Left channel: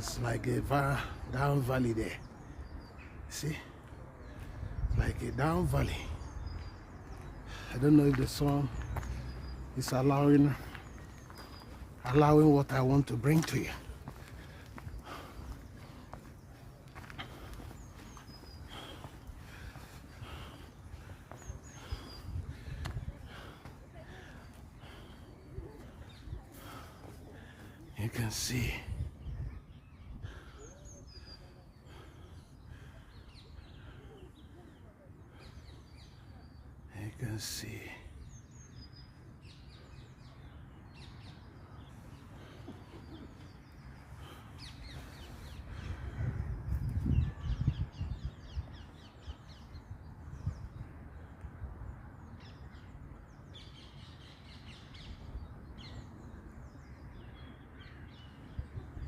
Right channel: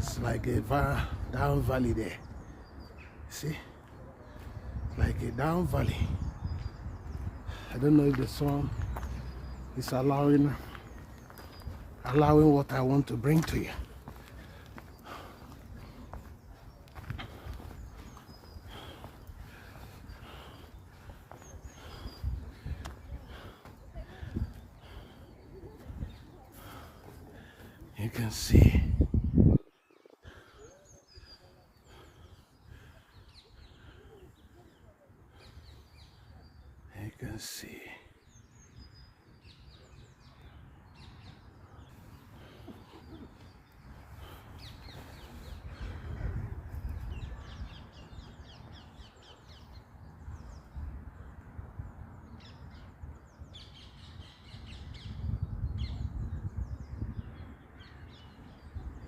It's like a down valley there. See? Like a down valley. I don't know if the sun is allowing what I want to bring to you. You can see. You can see.